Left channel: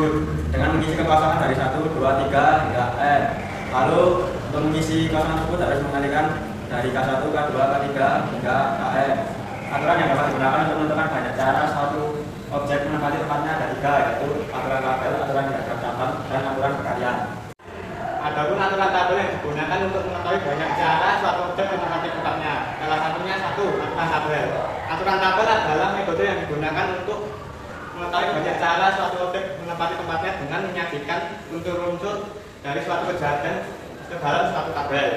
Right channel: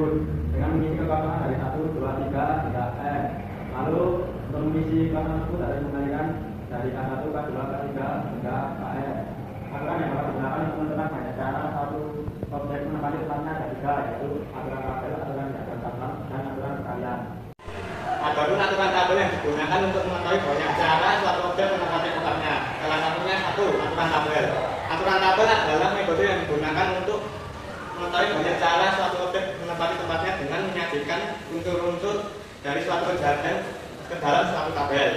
tersebut dengan mengisi kekosongan dari 1, 2, 3 hingga E. Lalu untuk mengisi kosongan tersebut harus mengalihkan dari K1, K2, K3 hingga KE. Aturan yang dapat digunakan untuk menentukan banyak cara suatu objek menempati tempatnya ada 3, yaitu aturan tabel, aturan diagram cabang, dan aturan berkarya. Adapun aturan tabel yang digunakan untuk mengetahui banyak cara suatu objek menempati tempatnya. Salah satunya 1, aturan tabel. Aturan tabel adalah metode yang digunakan untuk mengetahui banyak cara suatu objek menempati tempatnya dengan menyajikan unsur-unsur dari suatu kejadian ke dalam suatu tabel.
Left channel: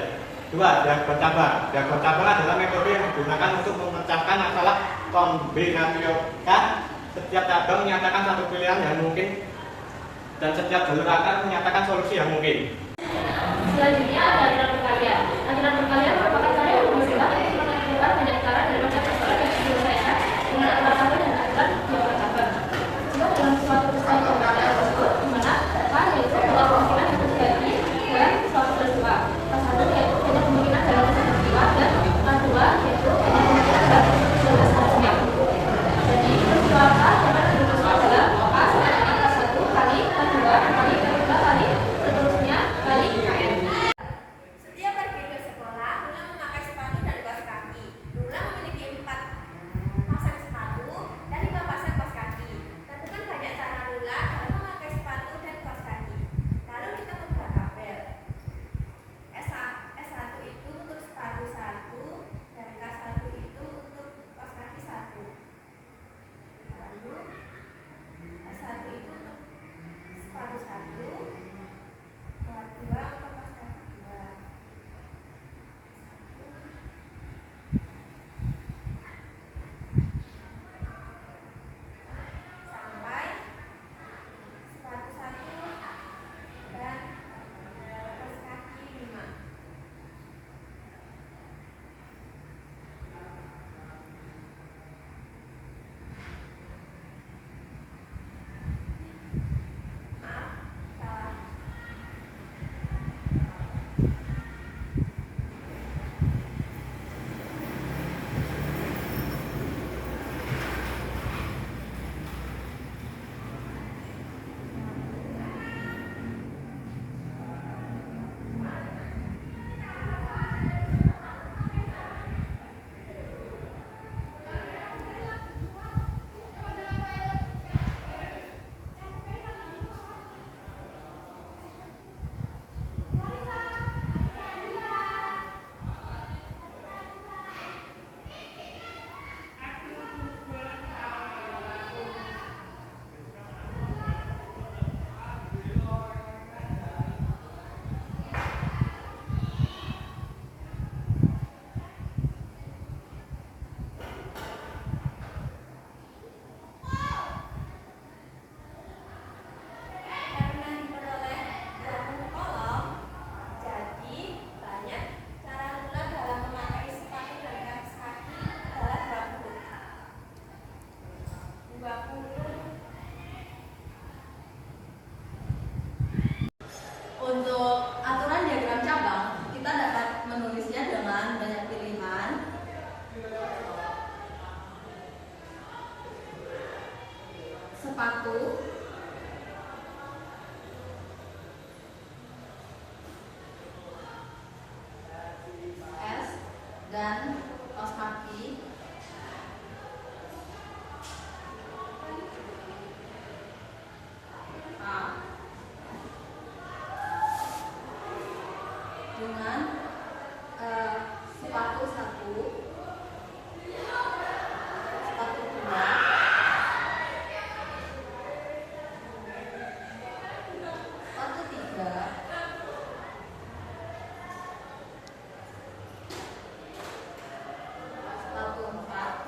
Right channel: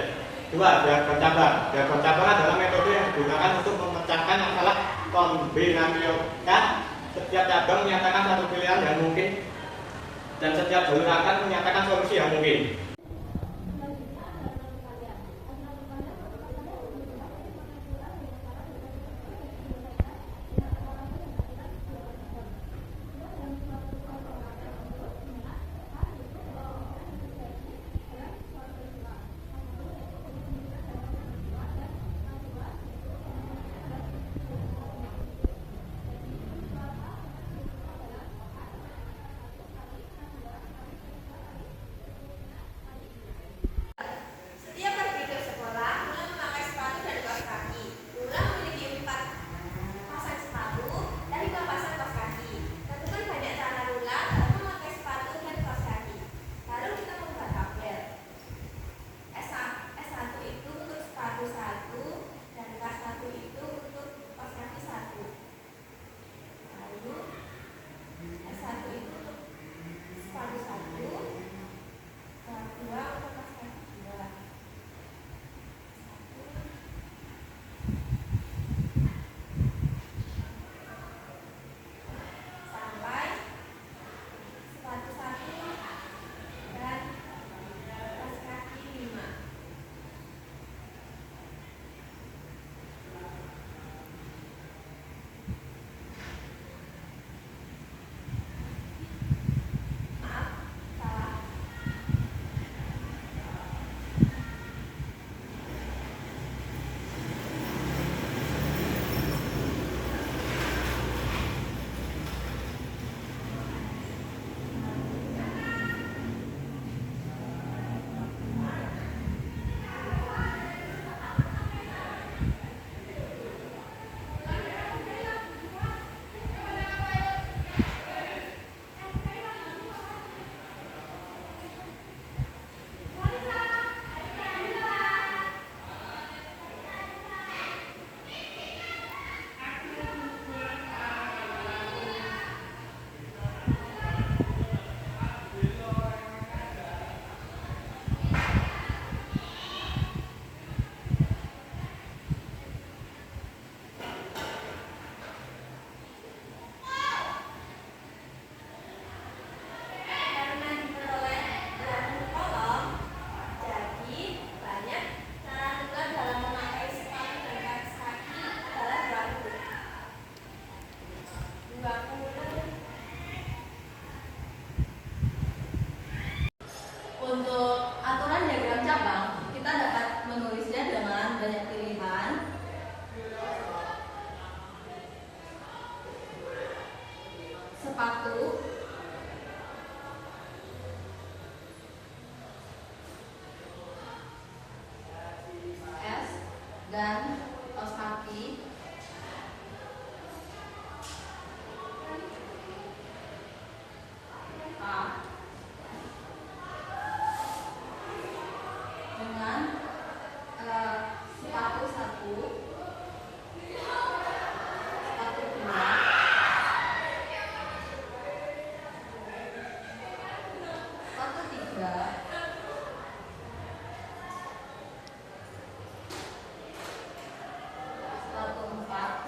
2, diagram cabang. Diagram cabang adalah metode yang digunakan untuk memecahkan masalah kombinatorial. Setiap cabang menyatakan satu pilihan yang mungkin dan setiap jalur akan menyatakan solusi yang mungkin. Selanjutnya ada aturan berkarya. Aturan berkarya merupakan karya yang berusaha untuk menentukan banyak cara dari macam persoalan yang diselesaikan dengan aturan tabel dan aturan diagram cabang. Jika dalam suatu peristiwa berkarya tersebut, di mana A yaitu dua kemungkinan yang terjadi dalam suatu peristiwa. K1 yaitu banyak kemungkinan dalam satu peristiwa dan K2 yaitu banyak kemungkinan dalam peristiwa selanjutnya. Jadi peristiwa A dapat dirumuskan dalam A sama dengan K1 kali K2 kali K3 kali seterusnya kali KN. Setiap pergi ke sekolah, Lula memakai sepatu dan kaos kaki. Lula memiliki 4 pasang sepatu dan 5 pasang kaos kaki. Tentukan banyak cara Lula dalam memakai sepatu dan kaos kaki. Lalu kita membuat tabel. S1 itu untuk sepatu 1 dan K1 itu untuk kaos kaki 1. Lalu S1 itu untuk sepatu 1, K2 untuk kaos kaki 2. Sampai sepatu 1 dan kaos kaki 5. Maaf, salah. Karena diperoleh dalam kolom, jadi banyak cara Lula dalam memakai sepatu dan kaos kaki adalah 20. Untuk aturan diagram cabang, kita dapat menulisnya dengan banyak pilihan. Sepatu, S, dan kaos kaki. A dengan sepatu 1, sepatu 2, sepatu 3, sepatu 4,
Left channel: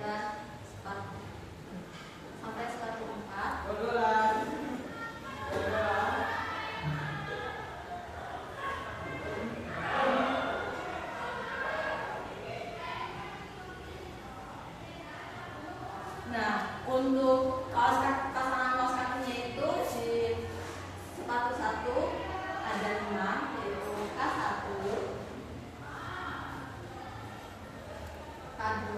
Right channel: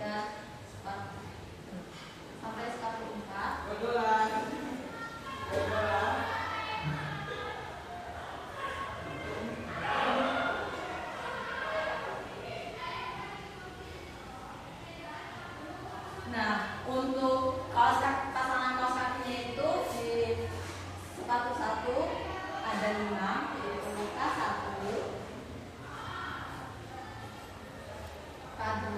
dan sepatu sampai sepatu 4. Nah, untuk pasangan kaos kakinya itu di sepatu 1 ada 5, yaitu K1, K2,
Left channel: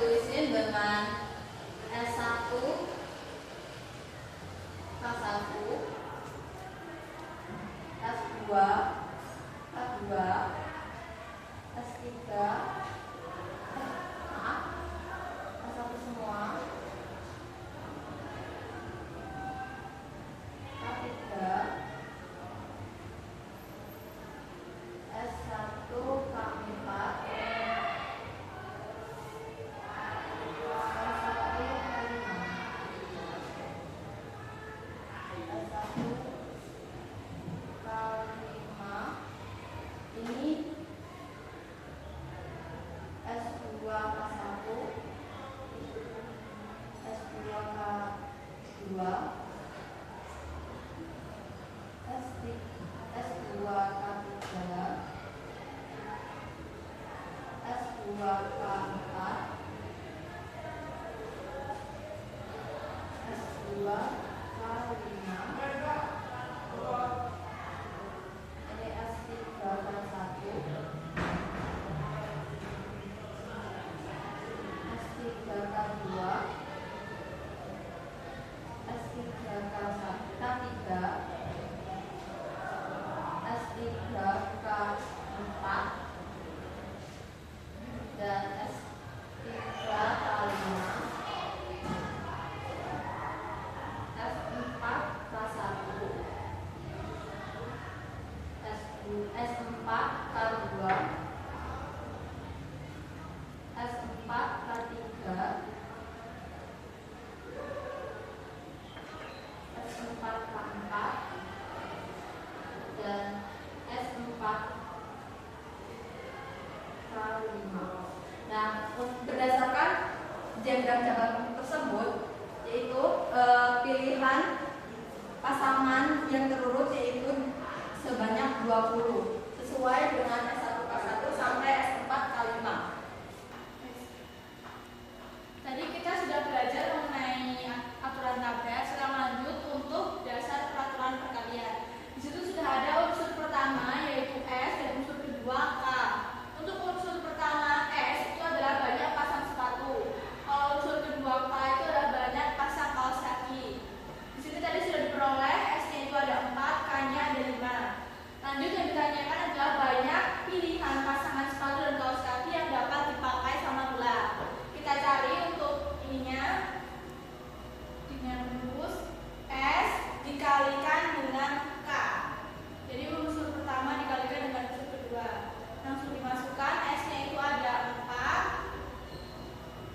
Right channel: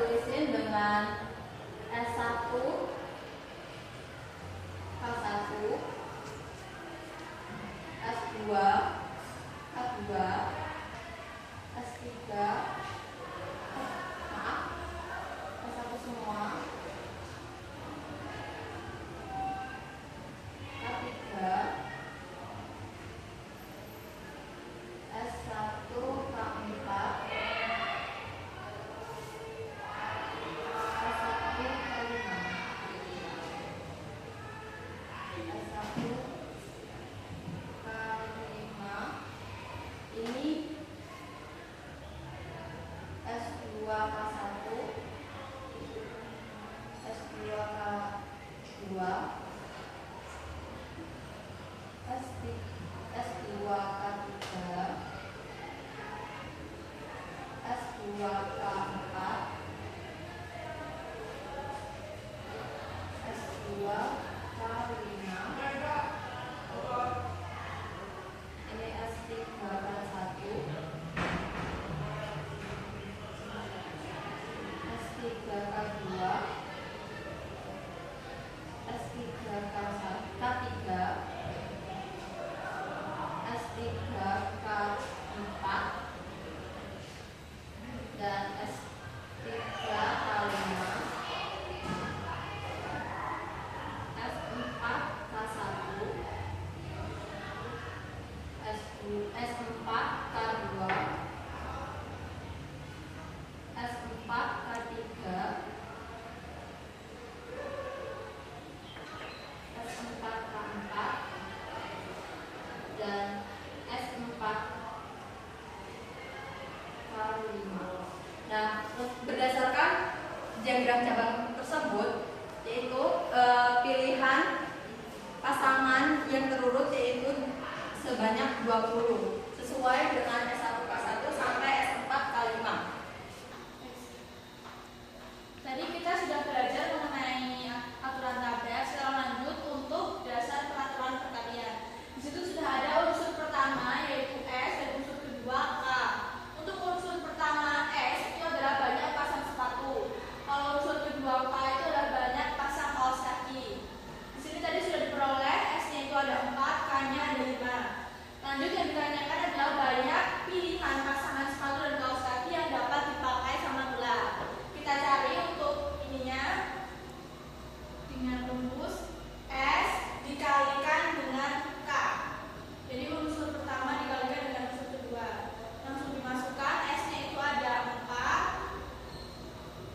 tulisin dengan S1 K1 S2 K2 S3 maaf S1 semua K3 S1 K4 ini S2 K1 S2 K2 S2 K3 S2 K4 S2 K5 ini S3 K1 S3 K2 S3 K3 S3 K4 dan S3 K5 S4 K1 S4 K2 S4 K3 S4 K4 dan S4 K5. Nah, berdasarkan diagram cabang tersebut yaitu pilihan pasangan yang terurut yaitu sebanyak 20 sesuai dengan S1 K1 sampai S4 K5. Tadi kita sudah belajar mengenai aturan tabel. Sekarang lanjut untuk dasar peraturan perkalian. Di situ sudah ada unsur pertama yaitu S dan unsur kedua K. Untuk unsur pertama S itu adalah banyak pasang sepatu. Kalau unsur kedua K itu adalah banyak pasang kaos kaki. Di sini tadi sudah diperoleh S-nya itu ada 4, K-nya ada 5. Lanjut yang ditanyakan adalah banyak pilihan pasangan sepatu dan kaos kaki yang dapat dipakai sama gelar. Kita cari untuk ininya dengan rumus S dikalikan dengan K. Jadi unsur pertama dikalikan dengan unsur kedua. Langsung dimasukkan S-nya itu ada 4,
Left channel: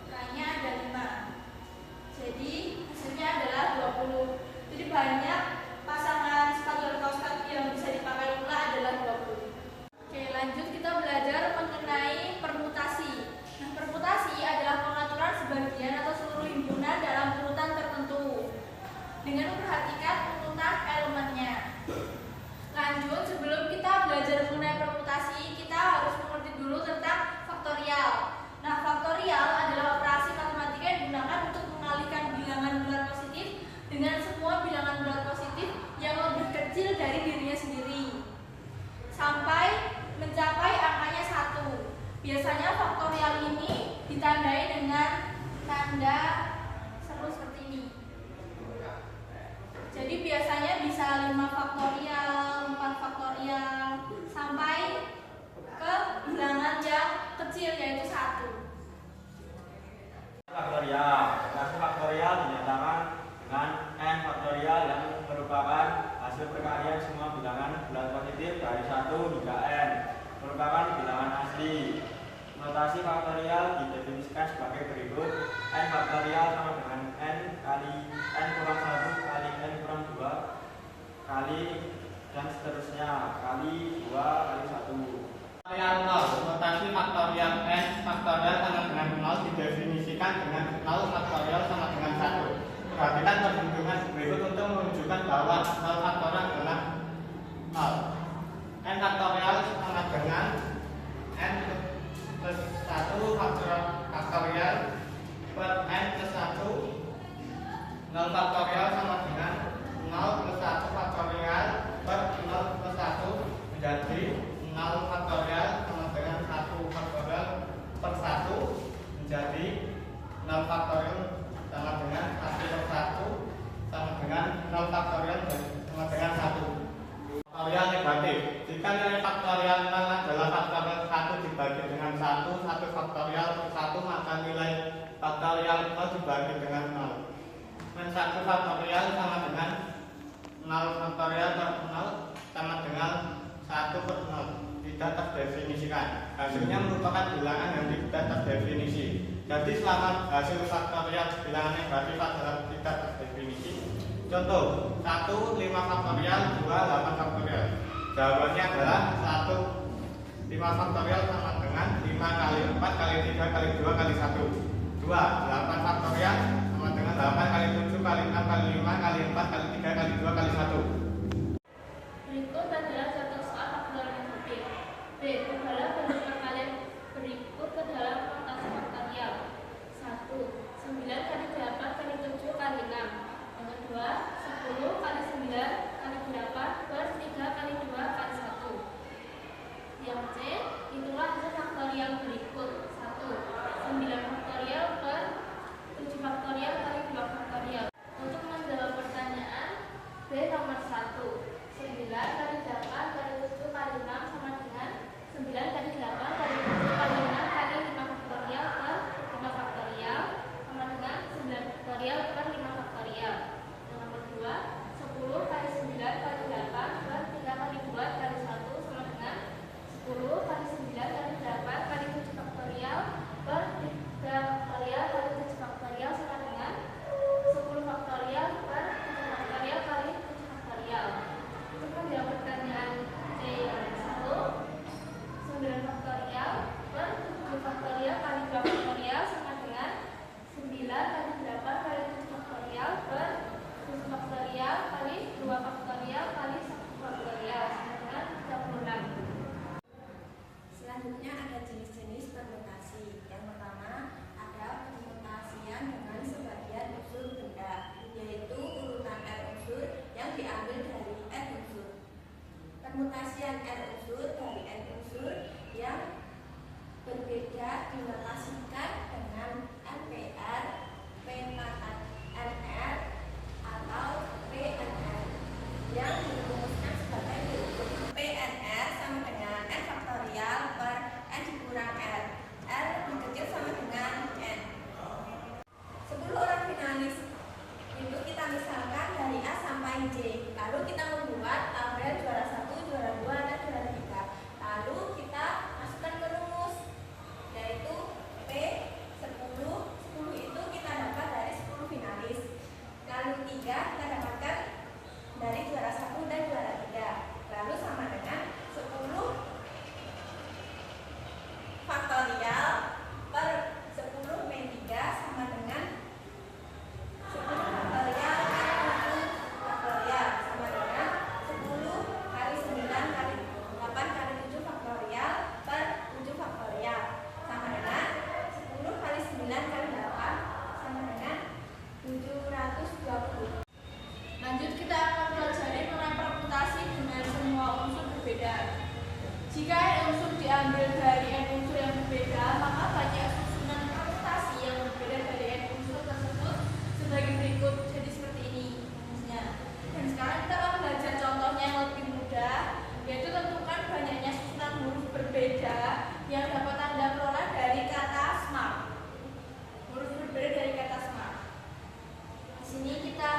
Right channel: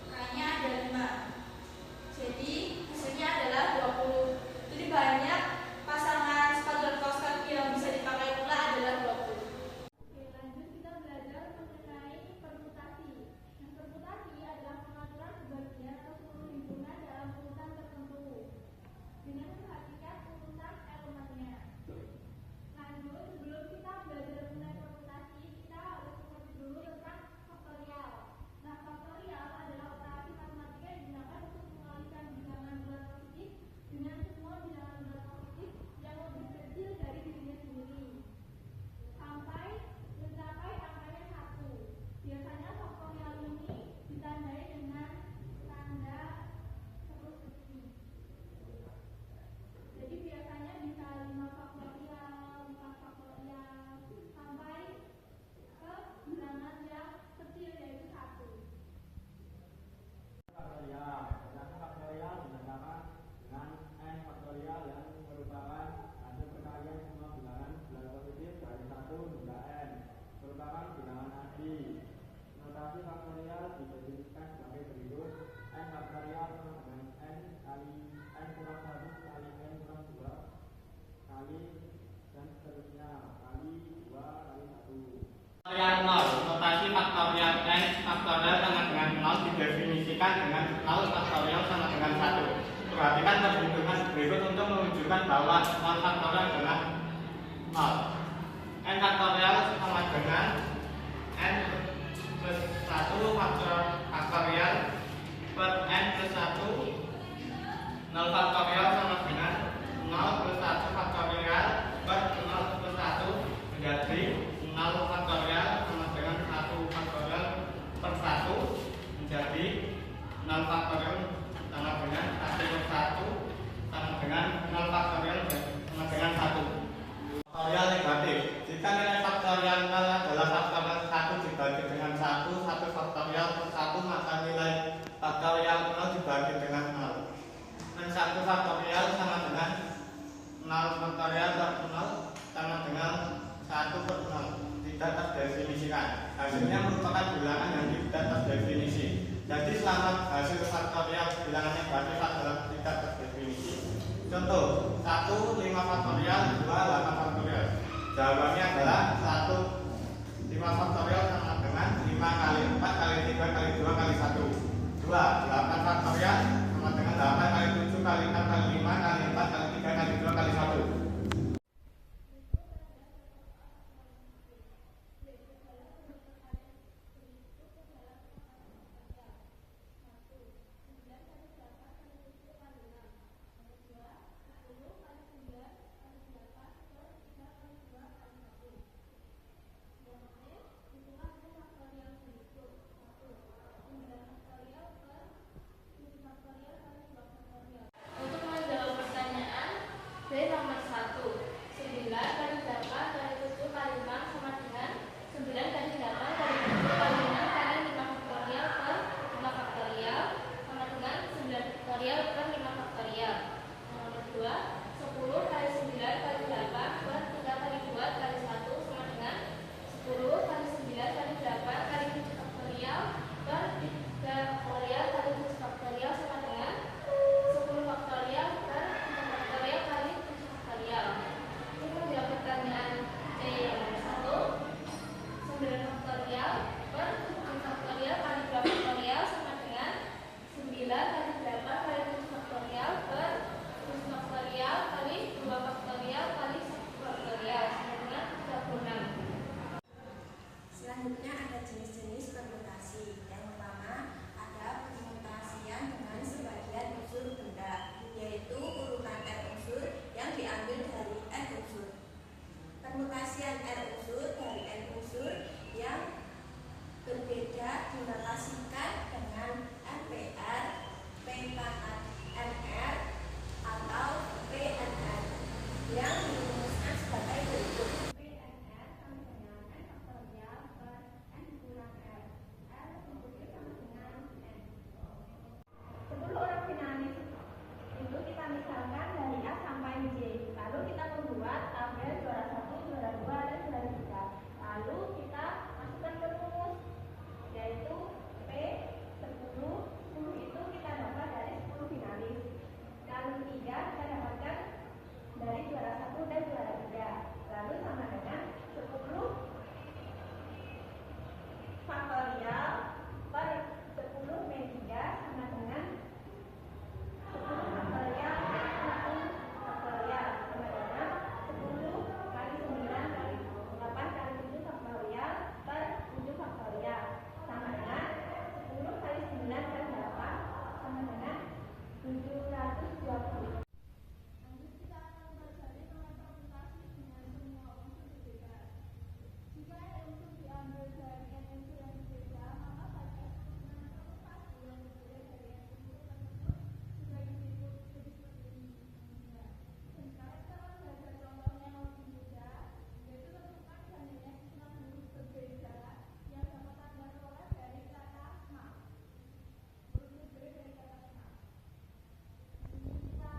K-nya ada 5. Jadi hasilnya adalah 20. Jadi banyak pasangan sepatu dan kaos kaki yang bisa dipakai pula adalah 20. Oke, lanjut kita belajar mengenai permutasi. Nah, permutasi adalah pengaturan sebagian atau seluruh himpunan dalam urutan tertentu dengan memperhatikan urutan elemennya. Lanjut, sebelum kita belajar mengenai permutasi, kita harus mengerti dulu tentang faktorial. Nah, faktorial adalah operasi matematika yang digunakan untuk mengalihkan bilangan bulat positif dengan semua bilangan bulat positif yang lebih kecil dari dirinya sendiri sampai mencapai angkanya 1. Biasanya faktorial ini ditandai dengan tanda seru seperti ini. Jadi biasanya bisa 5 faktorial, 4 faktorial sampai ke bilangan yang kecil yaitu 1. Faktorial. Hasil faktorial dinyatakan dengan n faktorial yang merupakan hasil perkalian semua bilangan bulat positif dari 1 hingga n, merupakan bilangan asli. Notasi faktorial didefinisikan sebagai berikut: n faktorial sama dengan n kali n kurang 1 kali n kurang 2 kali dan seterusnya kali 2 kali 1. Faktorial 0, notasi faktorial n faktorial sama dengan 0 didefinisikan dengan 0 faktorial sama dengan 1. Perhatikan perhitungan berikut untuk menunjukkan bahwa 0 faktorial adalah 0. N faktorial sama dengan n plus 1 faktorial per n plus 1. 0 faktorial sama dengan 0 plus 1 faktorial per 0 plus 1 menjadi 0 faktorial sama dengan 1 faktorial per 1 menjadi 1 faktorial per 1, maka nilai faktorial 0 dibagi dengan 0. Dan 1 faktorial sama dengan 0 faktorial per 0 sama dengan 1 per 0. Tidak terdefinisikan. Hasilnya merupakan bilangan yang tidak terdefinisi. Jadi selama hasil faktorial bilangan negatif adalah tidak terdefinisi. Contoh 1 5 faktorial 2 8 faktorial. Jawabannya adalah 1 5 faktorial sama dengan 5 kali 4 kali 3 kali 2 kali 1. 2 8 faktorial sama dengan 8 kali 7 kali 6 kali 5 kali 4 kali 3 kali 2 kali 1. Berikut adalah contoh soal faktor negatif. B. Ubahlah bentuk perkalian berikut ke dalam notasi faktorial. 1. 9 kali 8 kali 7 kali 6. Yang kedua, 10 kali 9 kali 8 plus 3 kali 2 kali 1. Yang C. Itulah hasil faktorial berikut. 1. 9 faktorial per 7 faktorial kali 2 faktorial. Untuk menjawab pertanyaan B nomor 1, 9 kali 8 kali 7 kali 6 sama dengan 9 kali 8 kali 7 kali 6 kali 5 faktorial per 5 faktorial sama dengan 9 faktorial per 5 faktorial. Yang nomor 2, 10 kali 9 kali 8 per 3 kali 2 kali 1 sama dengan 10 kali 9 kali 8 kali 7 faktorial per 3 faktorial kali 7 faktorial sama dengan 10 faktorial per 7 faktorial kali 7 faktorial. Untuk menjawab pertanyaan C nomor 1, 9 faktorial per 7 faktorial kali 2 faktorial sama dengan 9 kali 8 kali 7 faktorial per 7 faktorial kali 2 faktorial kali 1 faktorial sama dengan 36. Selanjutnya ada jenis-jenis permutasi. Yang pertama ada permutasian dengan sebagian unsur benda, yaitu urutan R unsur yang diambil dari N unsur. Permutasian R unsur dari N unsur yang berbeda dinotasikan dengan RPR, PNR atau PNR yang dirumuskan sebagai berikut. PNR sama dengan N faktorial per N dikurang R. R lebih kecil sama dengan N. 10 orang finalis itu kita misalkan dari A sampai J. Lalu kita membuat tabel juara 1, juara 2, dan juara 3. Lalu kita masukkan ke rumus, yaitu P 10. 10 itu kita dapat dari 10 finalis. Lalu 3 kita dapatkan dari juara 1 dan juara 3. Lalu sama dengan 10 faktorial per 10 min 3 sama dengan 10 faktorial per 7 faktorial sama dengan 10 kali 9 kali 8 kali 7 faktorial per 7 faktorial sama dengan 10 kali 9 kali 8 sama dengan 720. Lanjut kita akan pelajari mengenai permutasi dengan semua unsur berbeda. Jika N unsur diambil dari N unsur yang berbeda, maka banyak susunan permutasi yang berbeda dari N unsur tersebut sebagai berikut. Jadi seperti ini rumusnya. Dan sekarang kita akan belajar contohnya yang lebih mudah, yaitu tentukan banyaknya susunan huruf berbeda yang dapat Anda peroleh dari kata smart. Huruf berbeda dari kata smart. Di sini kita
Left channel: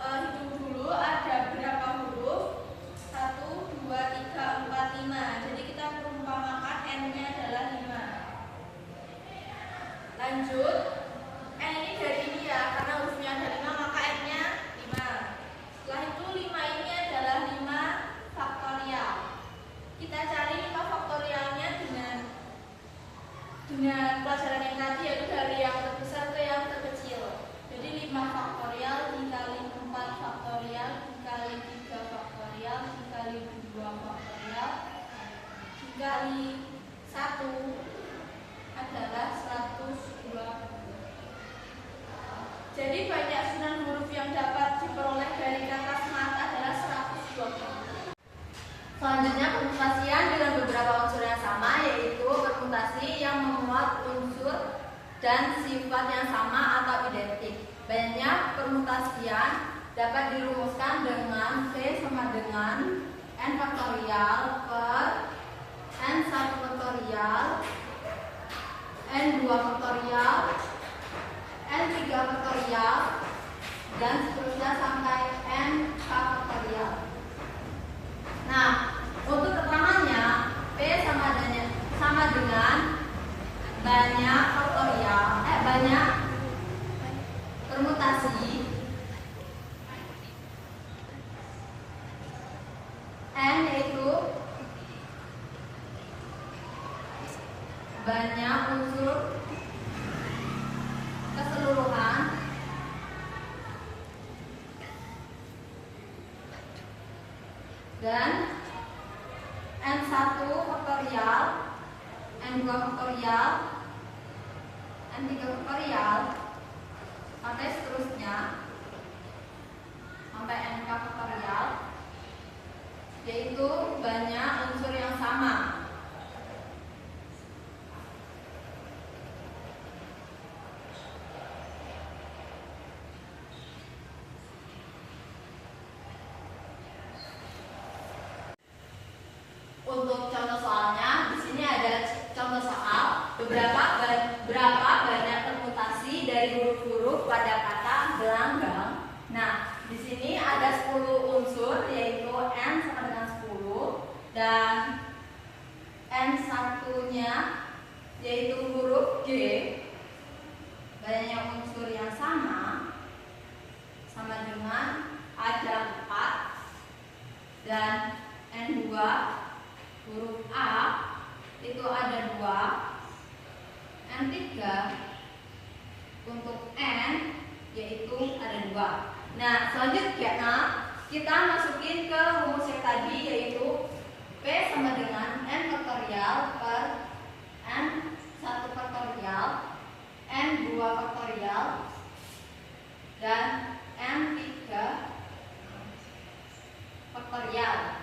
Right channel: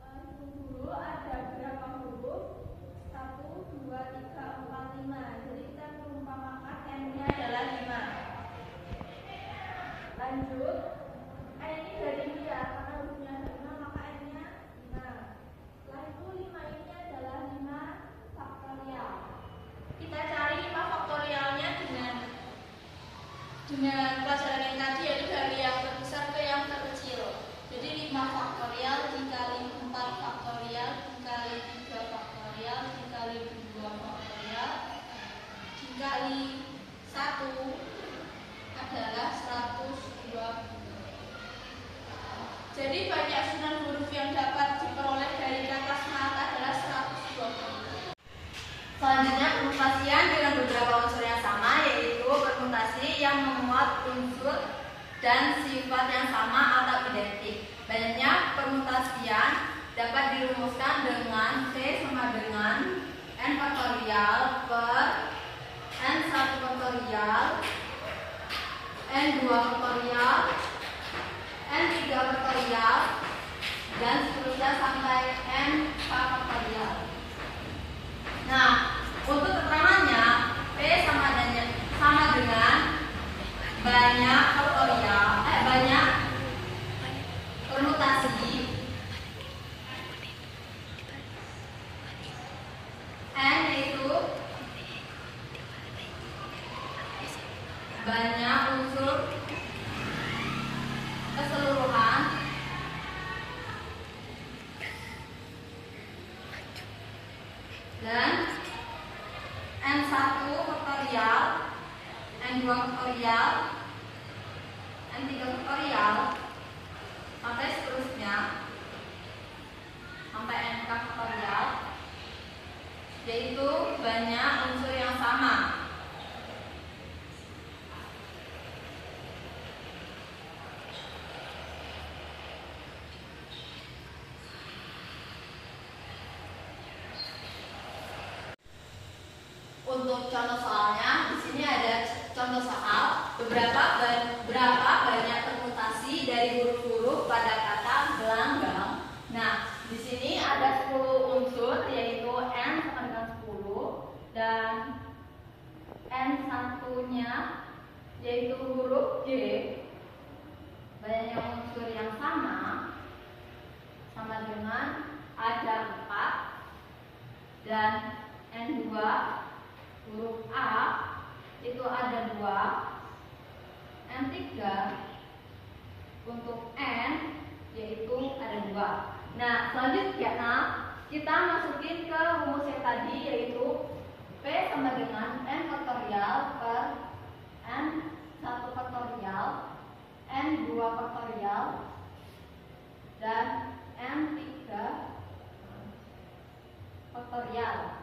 hitung dulu ada berapa huruf. 1, 2, 3, 4, 5. Jadi kita perumpamakan N-nya adalah 5. Lanjut, N ini dari ini ya, karena hurufnya ada 5 maka N-nya 5. Setelah itu 5 ini adalah 5 faktorial. Kita cari 5 faktorialnya dengan pelajaran yang tadi, yaitu dari yang terbesar ke yang terkecil. Jadi 5 faktorial dikali 4 faktorial dikali 3 faktorial dikali 2 faktorial dikali 1 adalah 120. Jadi banyak susunan huruf yang dapat diperoleh dari kata smart adalah 120. Selanjutnya permutasian dengan beberapa unsur yang sama, yaitu permutasi yang memuat unsur dan sifat yang sama atau identik. Banyaknya permutasian dapat dirumuskan dengan V sama dengan N faktorial per N 1 faktorial banyak unsur keseluruhan dan N1 faktorial, N2 faktorial, N3 faktorial sampai seterusnya sampai NK faktorial, yaitu banyak unsur yang sama. Untuk contoh soalnya, di sini ada contoh soal berapa banyak permutasi dari huruf-huruf pada kata gelanggang. Nah, di sini ada 10 unsur, yaitu N sama dengan 10 dan N1-nya yaitu huruf G. Banyak unsur yang sama dengan ada 4 dan N2 huruf A itu ada 2, N3 untuk N yaitu ada 2. Nah, selanjutnya kita masukin ke rumus yang tadi, yaitu P sama dengan N faktorial per N1 faktorial, N2 faktorial dan N3 faktorial.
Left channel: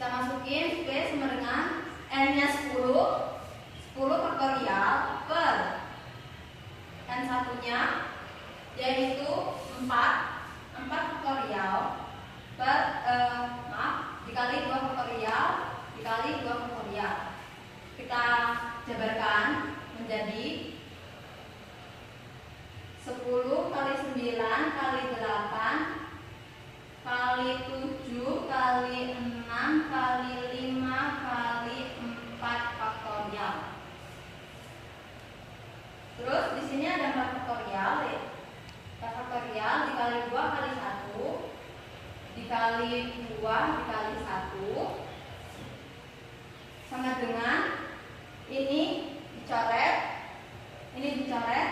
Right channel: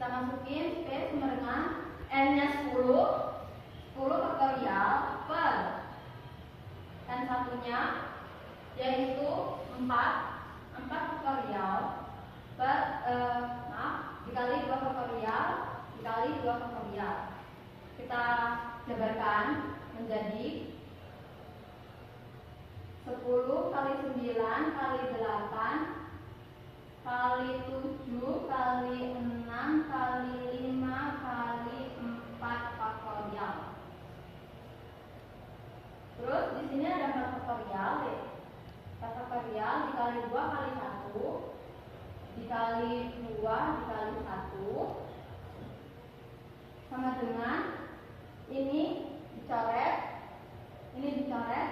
Kita masukin P sama dengan N-nya 10 faktorial per N1-nya yaitu 4 faktorial per dikali 2 faktorial dikali 2 faktorial. Kita jabarkan menjadi 10 kali 9 kali 8 kali 7 kali 6 kali 5 kali 4 faktorial. Terus di sini ada 4 faktorial, ya. 4 faktorial dikali 2 kali 1 dikali 2 dikali 1 sama dengan ini dicoret, ini dicoret.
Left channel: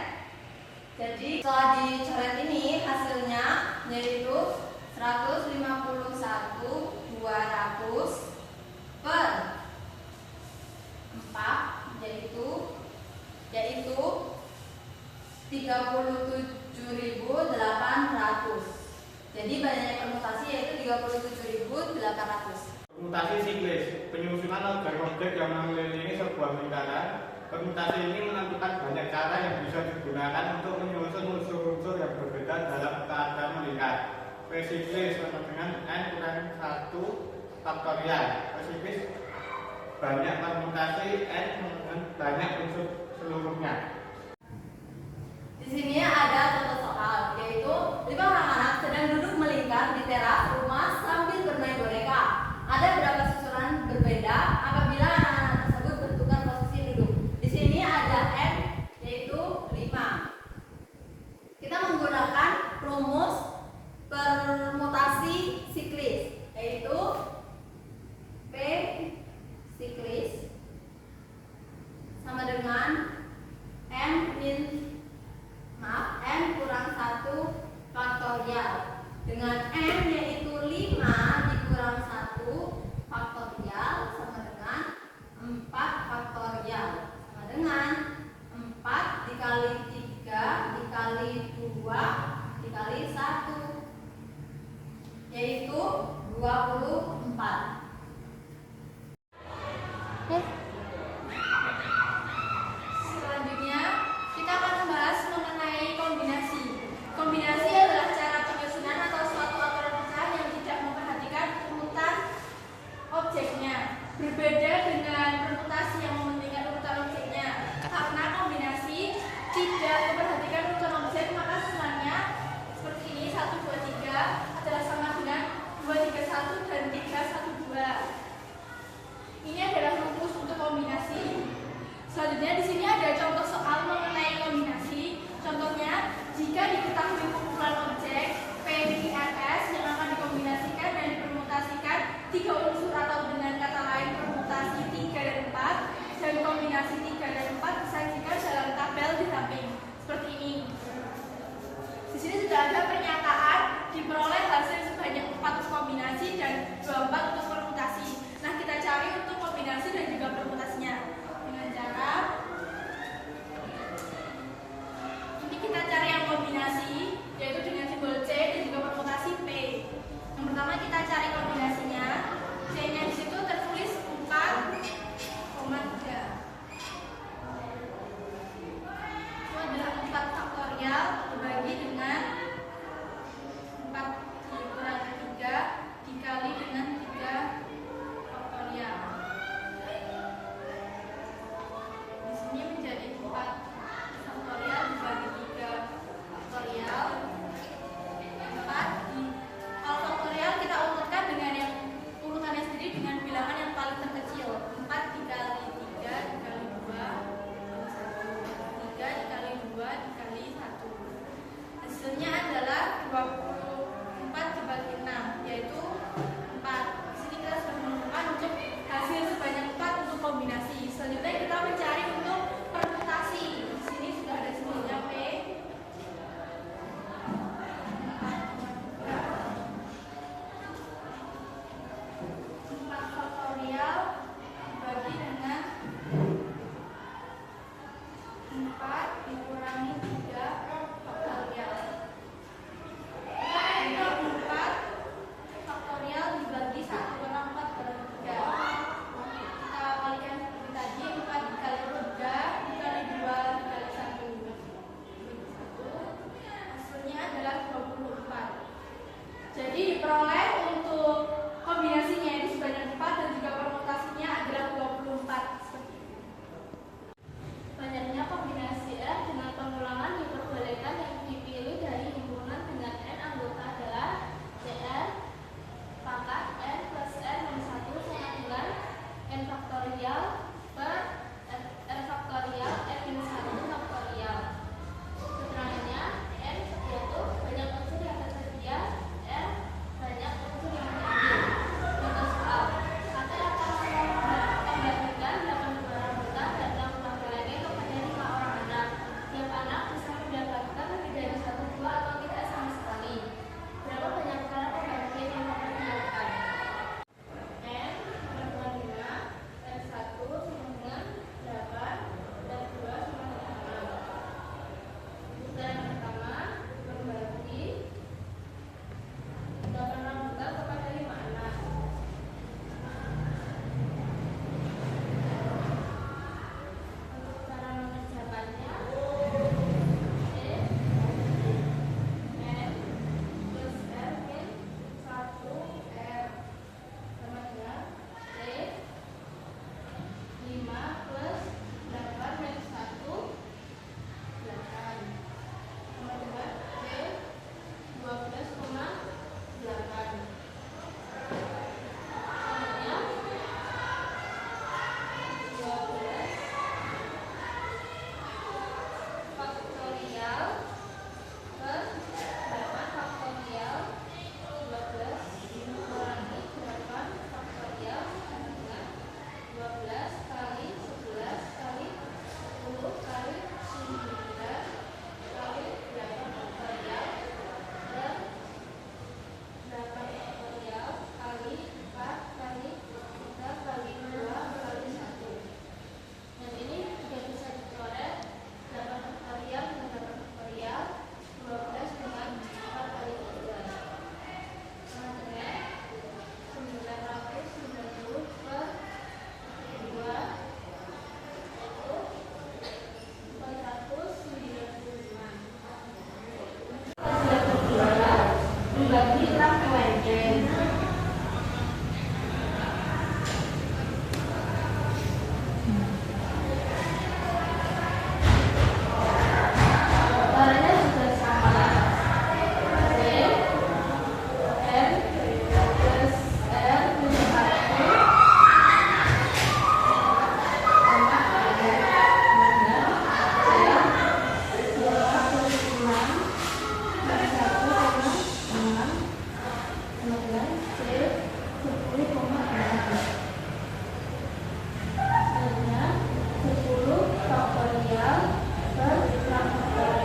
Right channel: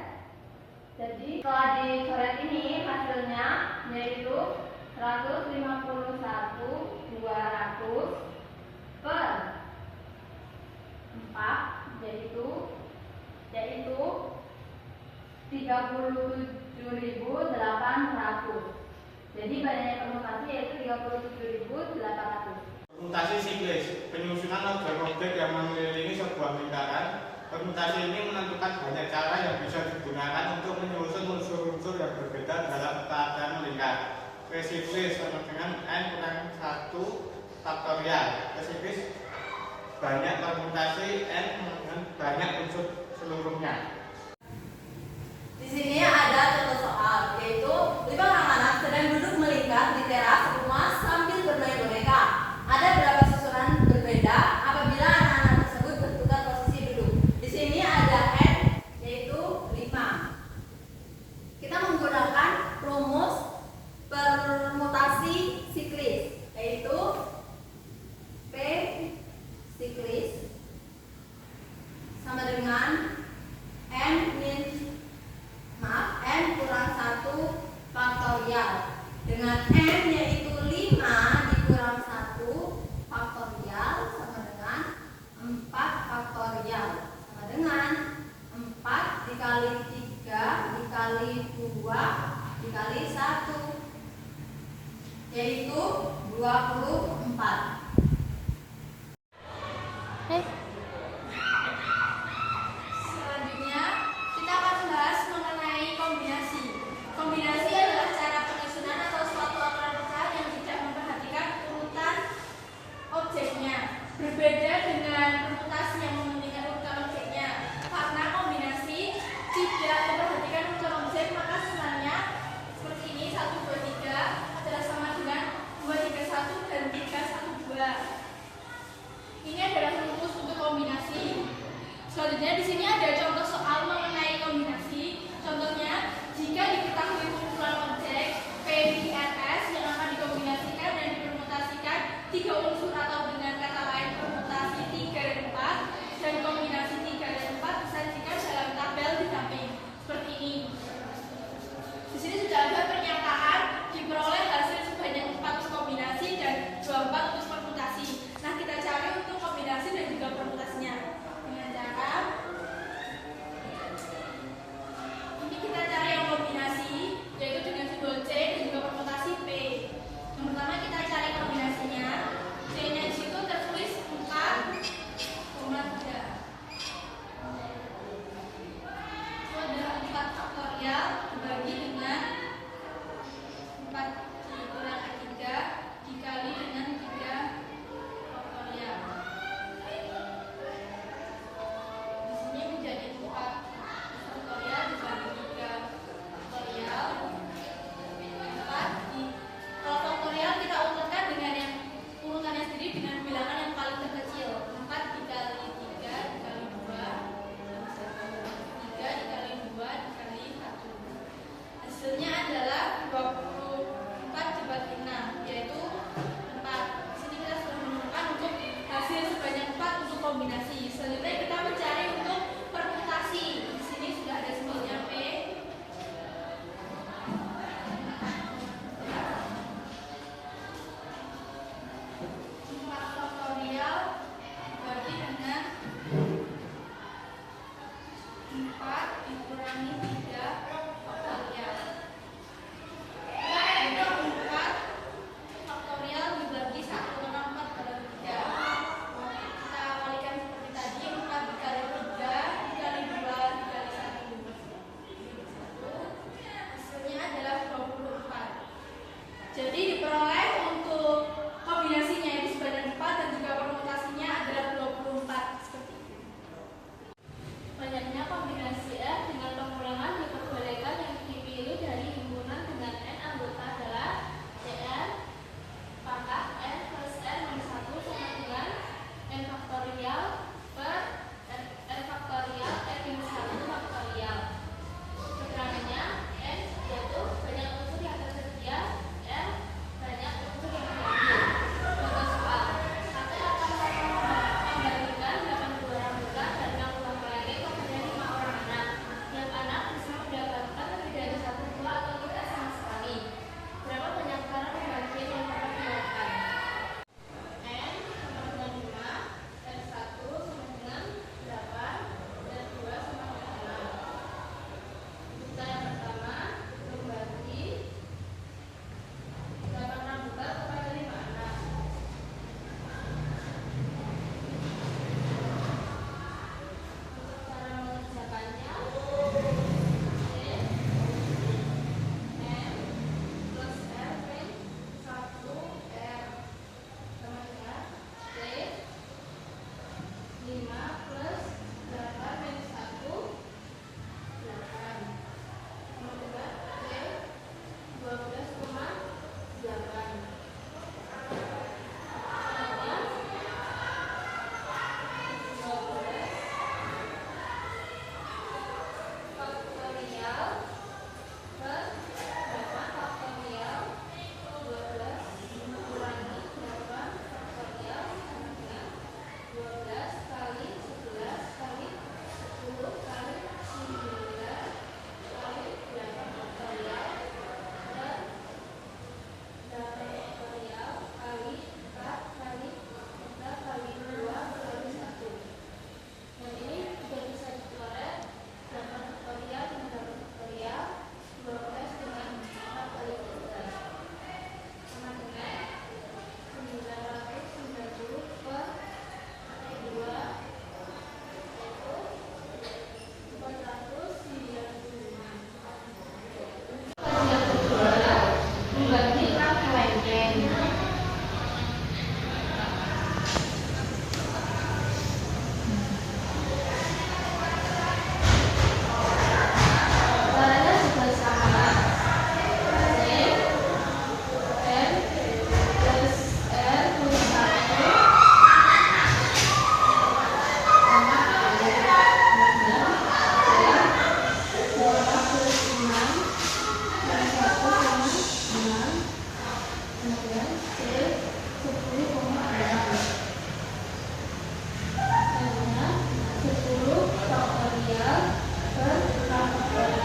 Jadi setelah dicoret ini hasilnya yaitu 151 200 per 4 yaitu 37.800. Jadi banyaknya permutasi yaitu 37.800. Permutasi siklis, penyusunan objek-objek yang mengelilingi sebuah lingkaran. Permutasi ini menentukan banyak cara yang bisa digunakan untuk menyusun unsur-unsur yang berbeda dalam keadaan melingkar. P siklis sama dengan N kurang 1 faktorial. P siklis banyak permutasi N dengan banyak unsur seluruhnya. Di sini ada contoh soal, yaitu 5 anak-anak sedang duduk melingkar di teras rumah sambil bermain boneka. Ada berapa susunan berbeda apabila anak-anak tersebut bertukar posisi duduk. Di sini ada N yaitu 5. Kita menggunakan rumus permutasi siklis, yaitu P siklis sama dengan N kurang 1 faktorial dengan N yaitu 5 dikurang 1 faktorial sama dengan 4 faktorial sama dengan 4 dikali 3 dikali 2 dikali 1 yaitu 24. Selanjutnya, kita akan membahas mengenai kombinasi. Kombinasi adalah cara penyusunan atau suatu aturan pecahan yang tidak memperhatikan urutan objeknya. Berbeda dengan permutasi yang mementingkan urutan objeknya. Karena kombinasi tidak memperhatikan urutan objek, maka susunannya seperti ini, 1, 2, 3 adalah sama dengan 2, 3, 1 dan 3, 1, 2. Ini adalah rumus untuk kombinasi. Selanjutnya di sini ada contoh soal mengenai kombinasi. Contohnya, jika diketahui kumpulan objek PIRS yang akan dikombinasikan dan dipermutasikan 3 unsur atau dengan kata lain permutasi 3 dan 4, dan kombinasi 3 dan 4 disajikan dalam tabel di samping seperti ini. Di sini sudah ada pernyataan diperoleh hasil sebanyak 4 kombinasi dan 24 untuk permutasi. Nah, kita cari untuk kombinasi dan juga permutasinya dengan cara ini kita cari yang kombinasi yaitu dengan simbol C dan juga permutasi P. Yang pertama kita cari kombinasinya. C-nya di situ tertulis 4,3. Itu adalah 4 faktorial dibagi dengan 4 dikurangi 3 dikali dengan 3 faktorial. Di sini menjadi 4 faktorial dibagi 3 faktorial. 4 kalau faktorial kita urutkan dengan yang urutannya sendiri dengan bilangan yang paling terkecil. 4 dikali 3 dikali 2 3 dikali 2 dikali 1. Hasilnya adalah 24 dibagi 6 yaitu 4. Di sini kita sudah menemukan untuk hasil sebanyak 4 untuk kombinasi. Selanjutnya kita mencari untuk permutasi. Di sini sudah ada simbolnya P. 4 faktorial dibagi dengan 4 dikurangi 3 faktorial. Untuk 4 faktorial dibagi 1,4 per 3. Kita kalikan seperti tadi, 4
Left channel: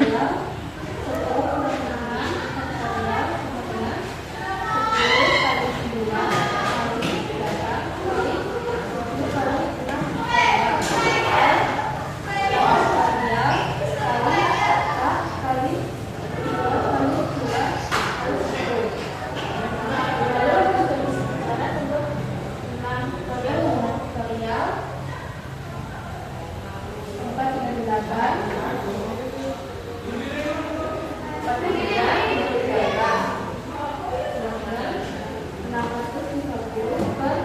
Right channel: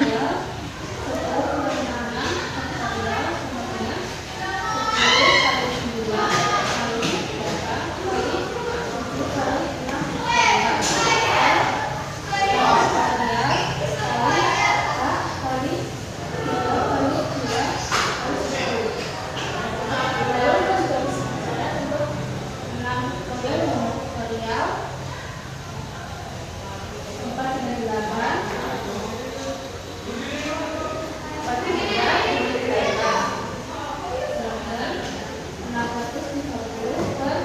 faktorial 10 kurang 6 faktorial sama dengan 10 kali 9 kali 8 kali 7 kali 6 faktorial faktorial kali 4 kali 3 kali 2 kali 10. Lalu juga bisa untuk 6 faktorial dan faktorial 4 dengan 8 4 dengan 8 dengan 650 per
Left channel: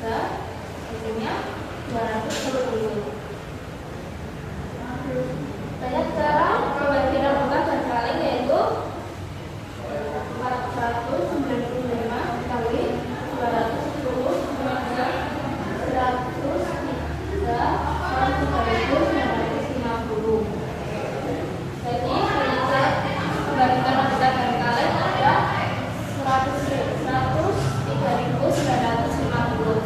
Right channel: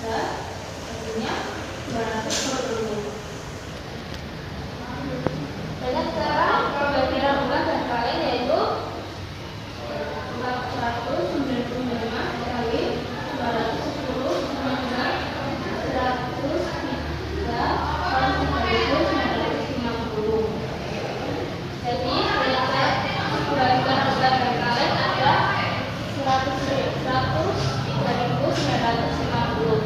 3 hasilnya 210. Banyak cara pembelajaran lembut dan kaleng yaitu 495 kali 210 sama dengan 103 kali 3950. Jadi ternyata pembelajaran lembut dan kaleng ada 103.950.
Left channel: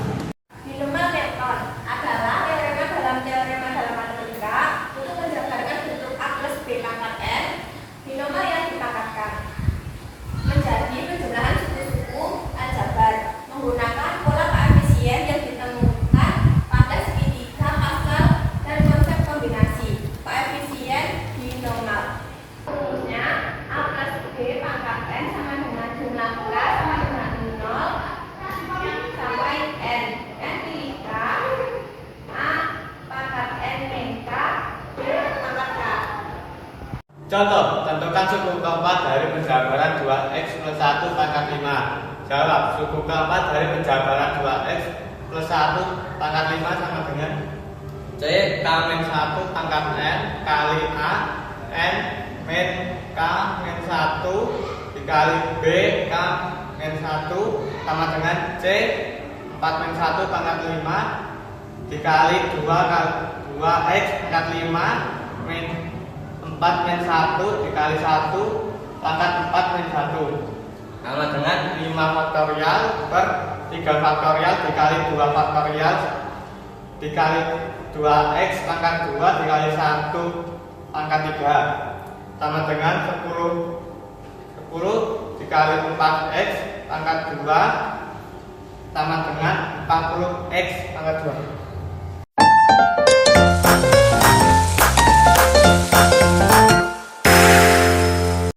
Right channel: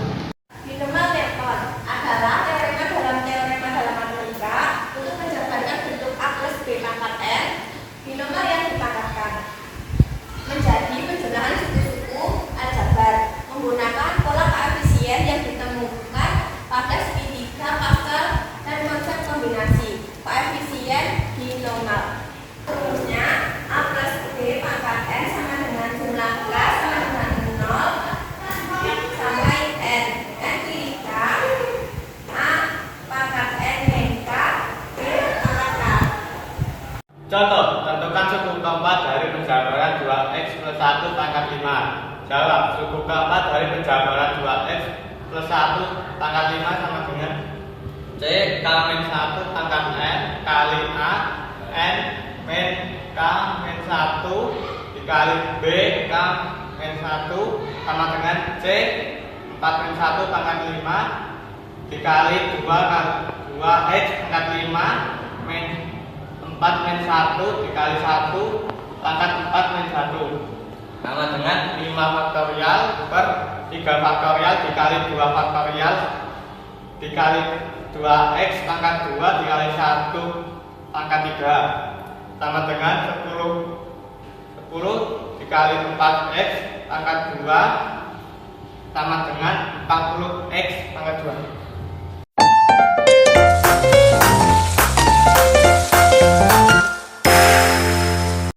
Binomial Newton adalah teorema dalam matematika untuk menjabarkan bentuk A plus B pangkat N binomial yang dipangkatkan menjadi penjumlahan suku-suku aljabar menggunakan pola koefisien yang ditemukan pada segitiga Pascal dan konsep kombinasi koefisien binomial. Rumusnya A plus B pangkat N sama dengan jumlah K sama dengan 0 sampai N. N pilih K, A pangkat N min K, B pangkat K. Contoh, tentukan suku keempat dari penjabaran 2x plus 1 pangkat 5. Jawab, suku keempat dari penjabaran 2x plus 1 pangkat 5 sama dengan C K min 1 pangkat N kali A N min K min 1 dikali B K min 1 sama dengan C 4 min 1 pangkat 5 dikali 2x pangkat 5 min 4 min 1 dikali 1 pangkat 4 min 1 sama dengan 5 faktorial per 3 faktorial dikali 2 faktorial dikali 2x pangkat 2 dikali 1 pangkat 3 sama dengan 10 dikali 4x pangkat 2 sama dengan 40x pangkat 2.